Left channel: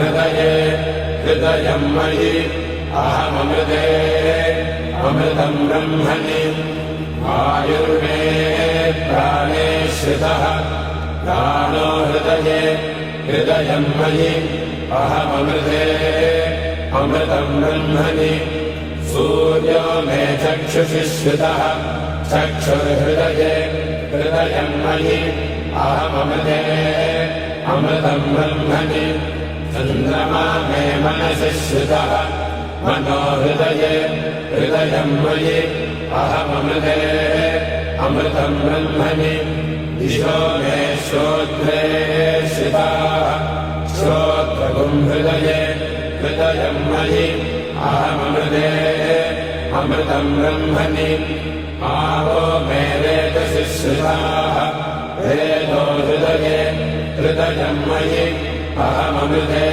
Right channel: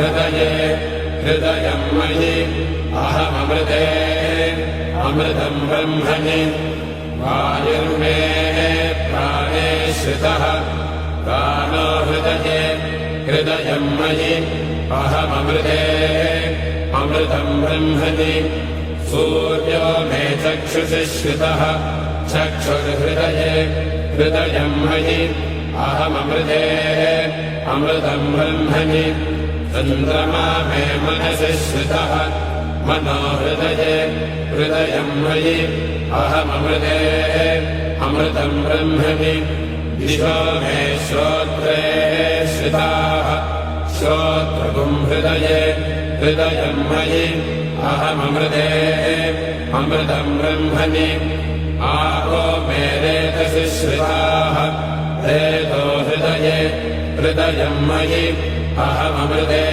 हृदये हृदयम् मयि अहममृते अमृतम् ब्रह्मणि आयुर्मे प्राणे श्रितः प्राणो हृदये हृदयम् मयि अहममृते अमृतम् ब्रह्मणि सूर्यो मे चक्षुषि श्रितः चक्षुर्हृदये हृदयम् मयि अहममृते अमृतम् ब्रह्मणि चन्द्रमा मे मनसि श्रितः मनो हृदये हृदयम् मयि अहममृते अमृतम् ब्रह्मणि दिशो मे श्रोत्रे श्रिताः श्रोत्रगुम् हृदये हृदयम् मयि अहममृते अमृतम् ब्रह्मणि आपो मे रेतसि श्रिताः रेतो हृदये हृदयम् मयि अहममृते